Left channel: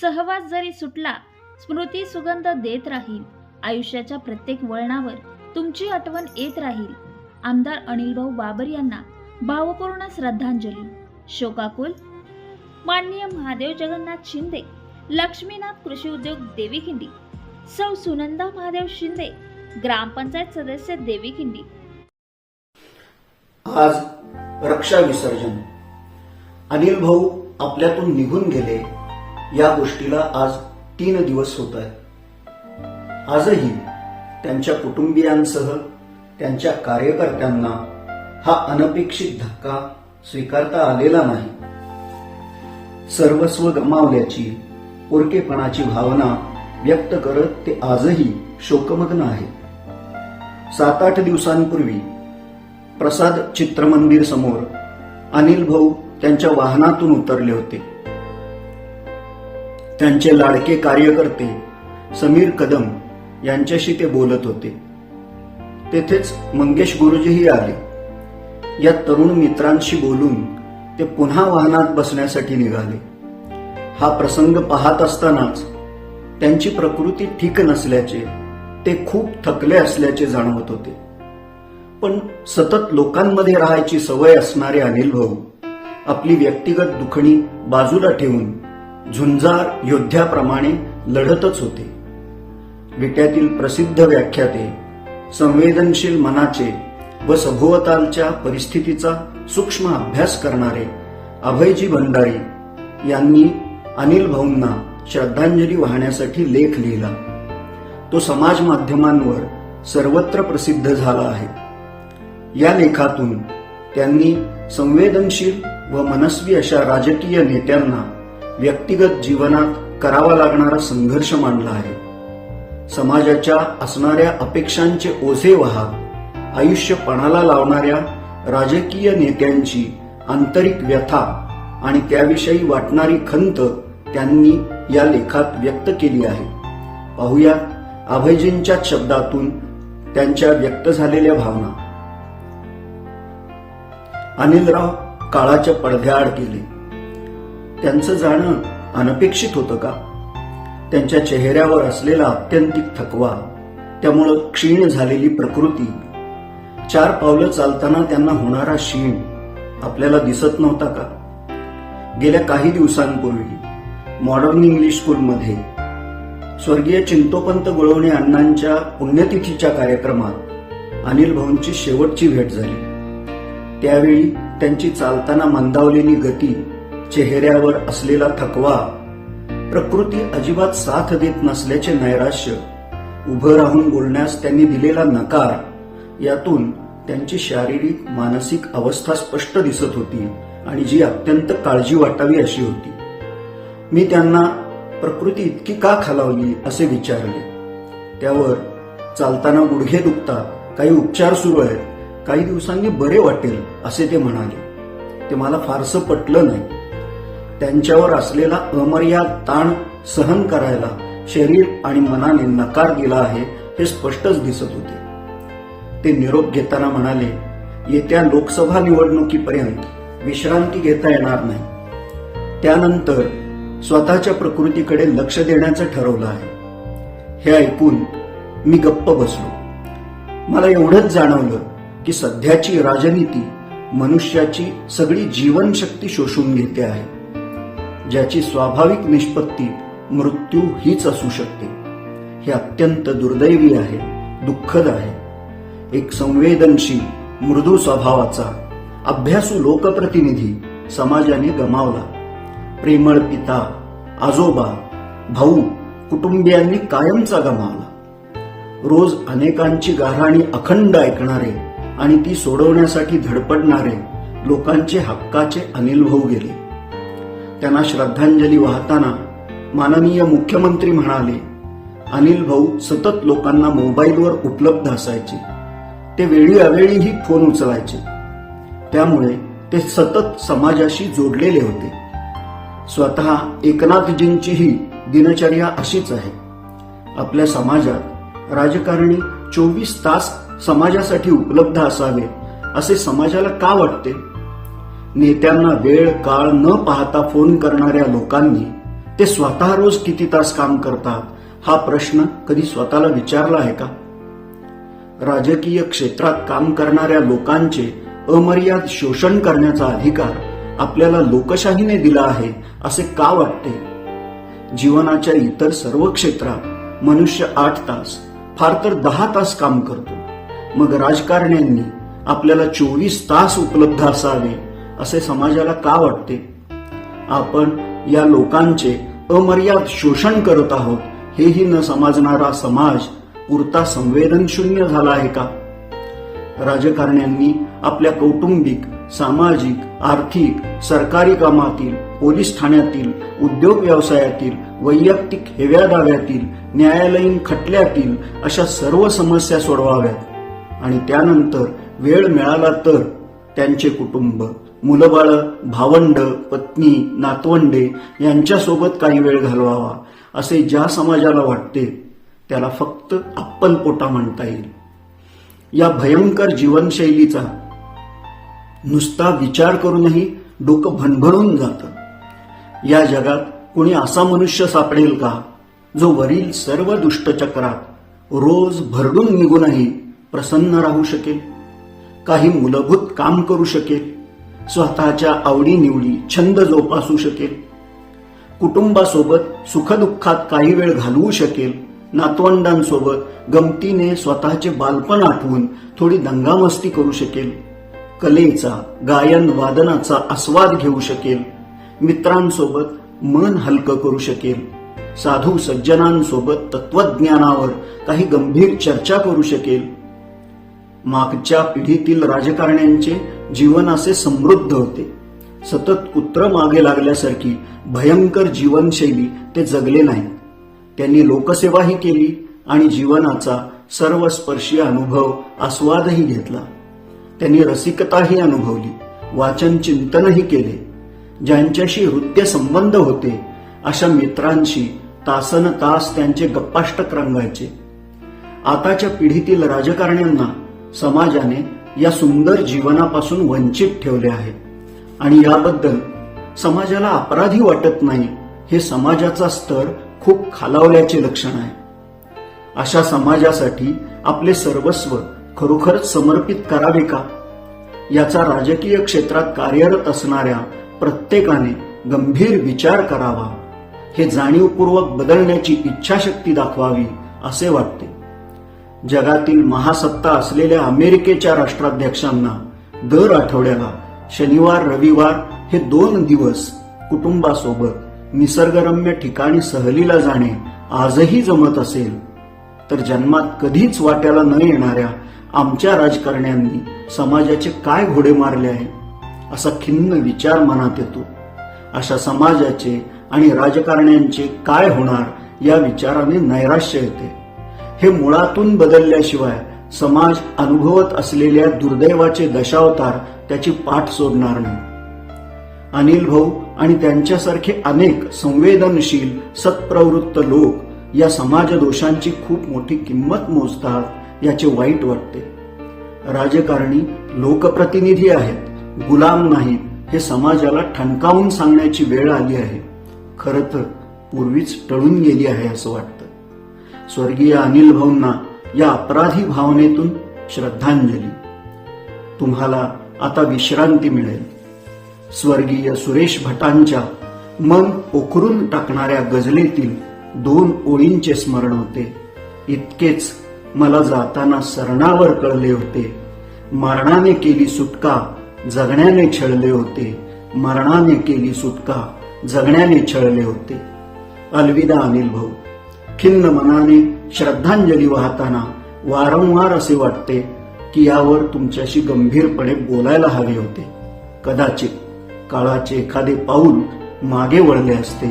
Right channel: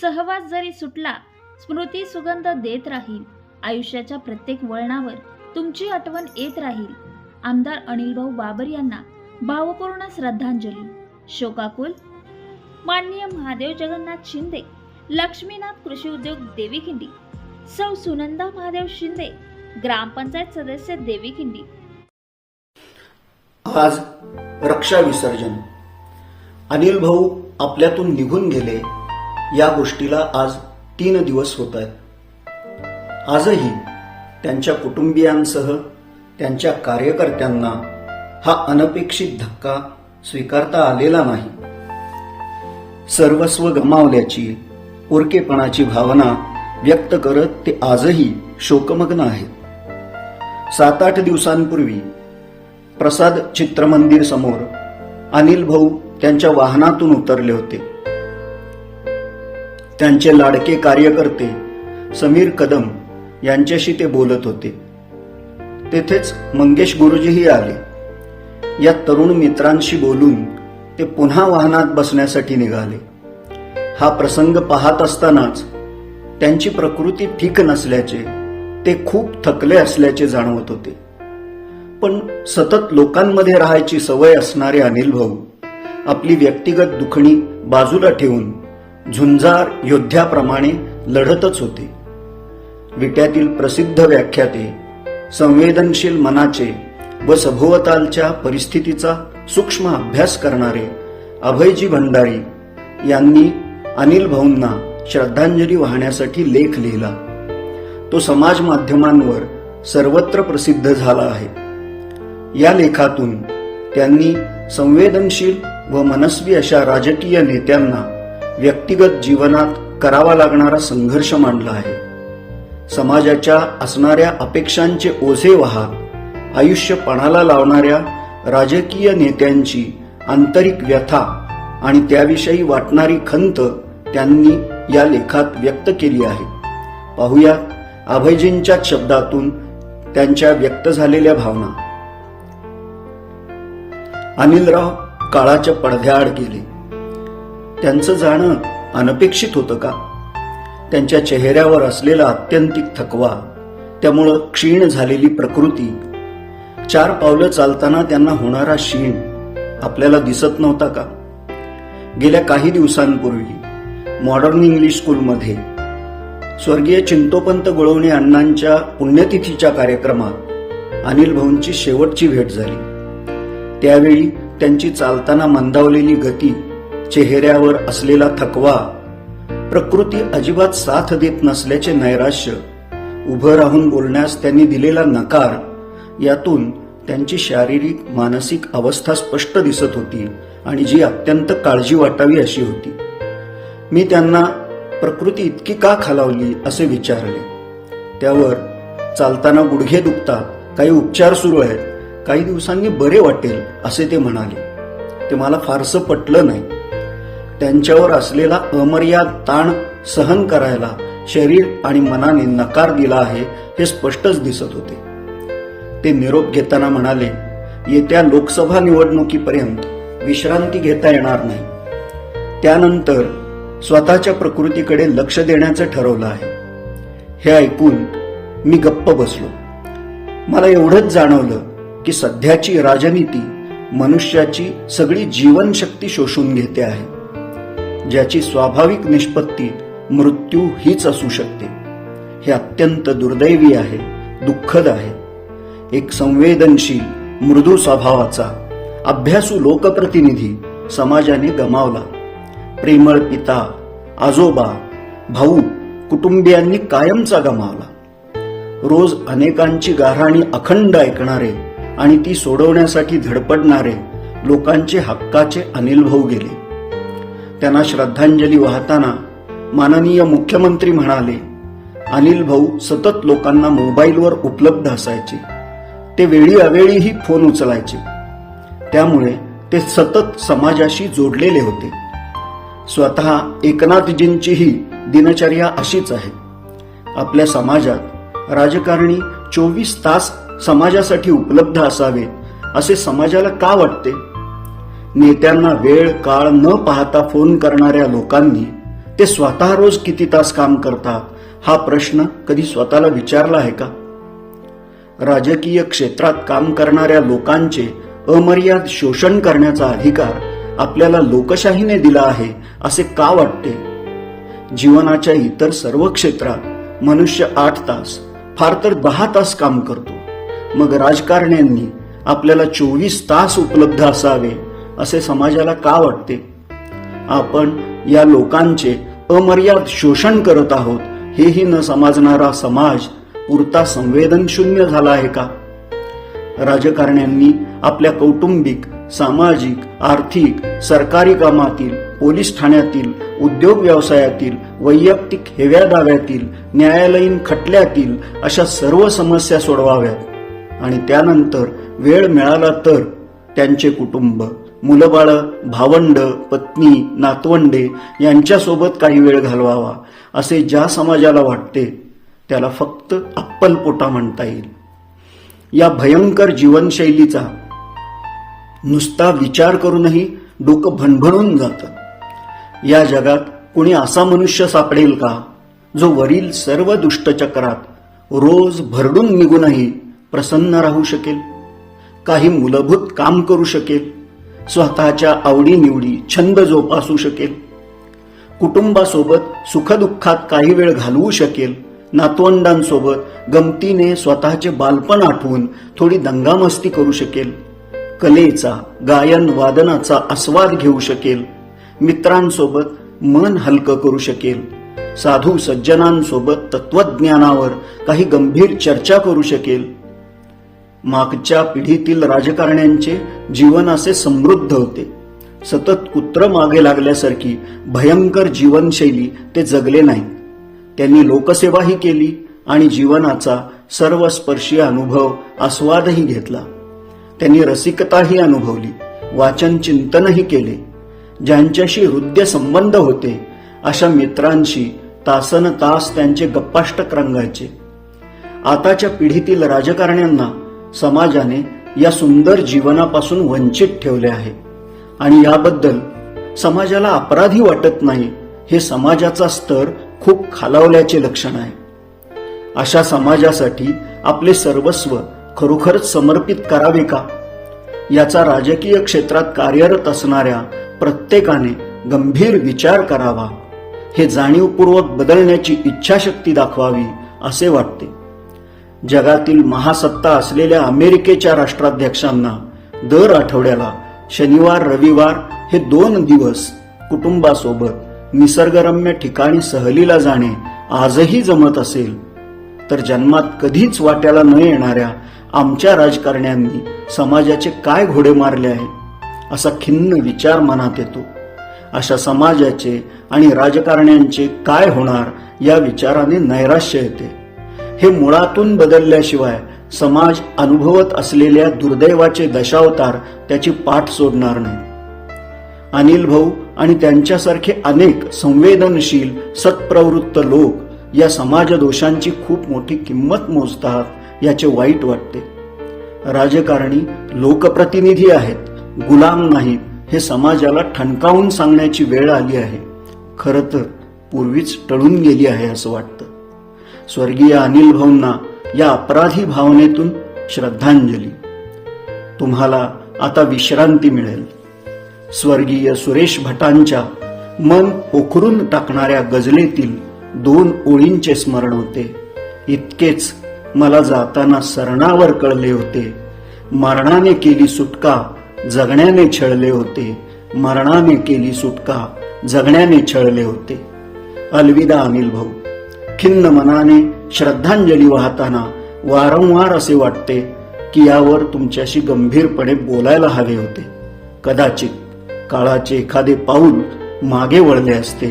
सहवास जरी सुटला, स्मृती सुगंध देत राहील. आयुष्याच्या प्रत्येक वळणावर तुमची आठवण येत राहील. आमदार अनिलभाऊ बाबर यांना भावपूर्ण श्रद्धांजली. शोकाकुल माननीय महादेव जगन्नाथ शिंदे, लक्ष्मीनाथ कृषी उद्योग देवीखिंडी, सौ सुनंदा महादेव शिंदे, ग्रामपंचायत सदस्य देवीखिंडी. आज रक्षा विसर्जन. अनिल भाऊ आपल्यातून निघून गेले या गोष्टीला आज 3 दिवस होत आहेत. आजही त्यांच्या कुटुंबियांसह त्यांच्या कार्यकर्त्यांना हा अनपेक्षित धक्का स्वीकारता आलेला नाही. सर्वस्व गमावल्याची पोरकेपणाची भावना व्यक्त करत ते आजही शोकमग्न आहेत. 7-8 दिवसांपूर्वी प्रसाद चित्रमंदिर समोर अनिल भाऊ त्यांच्या वाहनातून उतरले होते. त्यांचे लाडके कार्यकर्ते समीर कदम यांच्याशी ते बोलत होते. तेथेच मंगेश गुरुजीही आले. या तरुण मित्रांशी बोलून ते पुन्हा वाहनात बसण्यासाठी निघाले. हा प्रसंग पाहत असतानाच त्यांची प्रकृती ठीक नसल्याचे, ते खूप थकले असल्याचे जाणवत होते. पण सतत लोकांमध्ये राहायची सवय असणारे अनिल भाऊ आपली व्यक्तिगत दुखणी बाजूला ठेवून झुंजार योद्ध्याप्रमाणे लढतच होते. विट्यातील प्रसिद्ध व्याख्याते, संवेदनशील मनाचे व सभोवतालच्या परिस्थितीचा सूक्ष्म अभ्यास करणारे अभयजी भंडारी यांनी अनिल भाऊंना श्रद्धांजली वाहण्यासाठी लेख लिहिला. तो समाज माध्यमांवर सर्वत्र प्रसिद्ध झाला आहे. या लेखातून त्यांनी संवेदनशील व मनस्वी अशा राजकीय नेत्यांना व्यक्तिगत जीवनात करावा लागणारा संघर्ष मांडला आहे. समाजाच्या असणाऱ्या अपेक्षांचे ओझे वाहत आयुष्य पणाला लावणाऱ्या राजकीय नेत्यांची आंतरिक व्यथा आणि त्याविषयी वाटणारी खंत त्यांनी या लेखात व्यक्त केली आहे. पाहूया अभयजींच्या शब्दातून त्यांच्या व्यक्त झालेल्या भावना. अनिलराव काळाच्या पडद्याआड गेले. त्यांचं जाणं अनपेक्षित होतं का? त्यांच्या चेहऱ्यावर असलेला आत्यंतिक थकवा, त्यामुळं क्षीण झालेली प्रकृती, 4 पावलं चालताना त्यांना होणारा शीण आपल्याला दिसत नव्हता का? गेल्या काही दिवसांपूर्वी मॉडर्न इंग्लिश स्कूलमध्ये स्वर्गीय चिंतोपंत गुळवणे अण्णांच्या पुण्यतिथीच्या कार्यक्रमात अनिल भाऊंची शेवटची भेट झाली. त्यावेळी त्यांची चालताना मंदावलेली गती, चेहऱ्यावर असलेला थकवा, प्रकृती अजिबात साथ देत नसल्याचे नैराश्य, उभं राहून बोलण्यास त्यांनी दिलेला नकार, यातून त्यांची शारीरिक मानसिक अवस्था स्पष्ट दिसत होती आणि जी अत्यंत काळजी वाटावी अशी होती. मी त्यांना प्रकृती इतकी का खालावली असे विचारले. त्यावर चालताना गुडघे दुखतात, काही उपचार सुरू आहेत, काही दिवसांनी बरे वाटेल असे ते म्हणाले. ते मला फारसं पटलं नाही. त्यांच्यावर असलेला अमर्याद ताण सहन करायला शरीर आणि मनाने नकार दिला आहे हे स्पष्टच दिसत होते. ते निरोप घेताना म्हणाले, येत्या लोकसभा निवडणुकीपर्यंत विश्रांती घेता येणार नाही. त्यानंतर स्वतःच्या प्रकृतीकडे लक्ष देण्याचं ठरवलं आहे. हे ऐकून मी गप्प बसलो. मला एवढंच जाणवलं की सध्याची राजनीती मनुष्याची सगळी जीवनशक्ती शोषून घेते आहे, ज्याची स्वाभाविक निष्पत्ती मृत्यू हीच असू शकते. हे अत्यंत दुर्दैवी आहे, दुःखद आहे. एक संवेदनशील, मृदू स्वभावाचा, अभ्यासू लोकप्रतिनिधी समाजाने गमावला. प्रेमळ पिता, आजोबा, भाऊ, कुटुंबियांनी कायमचा गमावला. रोज अनेकांची गाऱ्हाणी अखंड ऐकणारे आणि ती सोडवण्यासाठी धडपडणारे लोकांचे हक्काचे अनिल भाऊ गेले. त्यांना श्रद्धांजली वाहताना माननीय मुख्यमंत्री म्हणाले, अनिल भाऊ सतत लोकांना मोबाईलवर उपलब्ध असायचे. ते वेळी अवेळीही फोन उचलायचे. त्यामुळे ते सतत समाजाशी जोडलेले होते. स्वतः एकनाथजींचीही दिनचर्या अशीच आहे. आपल्या समाजात राजकारणी 24 तास समाजासाठी उपलब्ध असावेत असे समाजाला का वाटते? नेत्यांना वेळ काळ न पाहता फोन करणाऱ्या लोकांनी ते स्वतः रोज किती तास काम करतात हा प्रश्न कधी स्वतःला विचारला आहे का? राजकीय क्षेत्रात काम करणाऱ्या लोकांचे अमर्याद शोषण करण्याचा अधिकार आपल्याला लोकशाहीने दिला आहे असे का वाटते? जीवनाच्या इतर सर्व क्षेत्रात मनुष्य 8 तास, फार तर 10 तास काम करतो. मग राजकारण्यांनी आपल्याला 24 तास उपलब्ध असावे असे समाजाला का वाटते? आपण या लोकांचे अमर्याद शोषण करत आहोत हेही न समजणारा समाज पुरता संवेदनशून्य झाला आहे का? राजकारण्यांनी आपल्या कौटुंबिक, सामाजिक, आर्थिक, सरकारी कामातील, पोलीस ठाण्यातील, उद्योग व्यवसायातील, वैयक्तिक हेव्या दाव्यातील, न्यायालयीन खटल्यातील अशा सर्व समस्या सोडवाव्यात आणि त्यानंतर वेळ मिळाला तर त्यांचे कुटुंब, मुलबाळ, भावंड, पत्नी, नातवंडे यांच्यासोबत काही वेळ घालवावा असे ज्या समाजाला वाटते त्याला फक्त अप्पलपोटा म्हणता येईल. या भयंकर जीवनशैलीचा नुसता विचार करूनही डोकं भणभणून जातं. या जगात कुणी असा मनुष्य सापडेल का जो वरील सर्व दुष्टचक्रात रोज भरडून निघूनही प्रसन्न राहू शकेल, काही मूलभूत काम करू शकेल, स्वतःच्या आवडीनिवडी, छंद जोपासू शकेल, कुटुंबासोबत सुखदुःखात काही वेळ घालवू शकेल, नातवंडांसोबत गमतीने स्वतःचे बालपण आठवून थोडी दंगामस्ती करू शकेल, कलेचा, गायन वादनाचा आस्वाद घेऊ शकेल, मित्रांसोबत मन हलकं करू शकेल, साधू सज्जनांसोबत तत्वज्ञानावर काही गंभीर चर्चा करू शकेल. मागच्या पिढीतील राजकारण्यांचे जीवन असे समृद्ध होते. सतत कुत्र मागे लागल्यासारखी भयंकर जीवनशैली ते जगले नाही. त्यांनी लोकसेवाही केली आणि जीवनाचा सर्वस्पर्शी अनुभव आस्वादही घेतला. त्यांनी रसिकताही अनुभवली, वाचन चिंतनही केले. ज्यांच्याशी हृदय संबंध होते अशा मित्रांशी तासन तास त्यांचे गप्पाष्टक रंगायचे. आताच्या पिढीतील राजकारण्यांना समाजाने या सुंदर जीवनापासून वंचित ठेवले आहे आणि याबद्दल समाजाला अपराधी वाटत नाही हे समाजाचा स्तर खूप खालावल्याचे लक्षण आहे. अशा समाजासाठी आपले सर्वस्व खरोखरच समर्पित करावे का? याचा राजकीय क्षेत्रात कार्यरत असणाऱ्या प्रत्येकाने गंभीर विचार करावा. हे जाणीवपूर्वक बदलण्याची इच्छाशक्ती दाखवावी असे वाटते. जगातील महासत्ता असलेल्या अमेरिकेच्या राष्ट्राध्यक्षांना दर आठवड्याला शनिवार, रविवार हे 2 दिवस कुटुंबासोबत निसर्गरम्य ठिकाणी सहलीला जाणे आजही जमत असेल तर जन्मात कधीच वाट्याला न येणाऱ्या आमच्या राजकारण्यांनी समाजाचे काय घोडे मारले आहेत असा खिन्न विचार मनात येतो. अशा समाजाचे आणि राजकारण्यांचे काय होणार या विचाराने नैराश्य येते. हे मुळातून बदलल्याशिवाय समाज अनुभवत असलेल्या दुर्दैवाचे दशावतार त्याची पाठ सोडणार नाही. अनिल भाऊ आणि त्यांच्यासारखे अनेक संवेदनशील, सत्प्रवृत्त लोक या समाज दोषांची खूप मोठी किंमत मोजतात याचे वाईट वाटते. राजकारणी लोकप्रतिनिधी आहेत, गुलाम नाहीत हे समाजाला ठणकावून सांगण्याची वेळ आली आहे. खरं तर पूर्वीच टळून गेली आहे असं वाटतं. स्वर्गीय अनिल भाऊंना या अपराधी भावनेतून श्रद्धांजली. तुम्हाला आता विश्रांती मिळेल. स्वर्गीय सुरेश भटांच्या मन पोखरून टाकणाऱ्या गझलेतील 2 ओळींचे स्मरण होते. इतकेच मला जाताना सरणावर कळले होते. मरणाने केली सुटका, जगण्याने छळले होते. मरणाने केली सुटका, जगण्याने छळले होते. अलविदा अनिल भाऊ. खिन्न मनाने श्रद्धांजली वाहताना वारंवार असे वाटते की यावर तुमच्याशी गंभीरपणे बोलायला हवे होते. कदाचित काळाचे एखादे पाऊल मागे वळले असते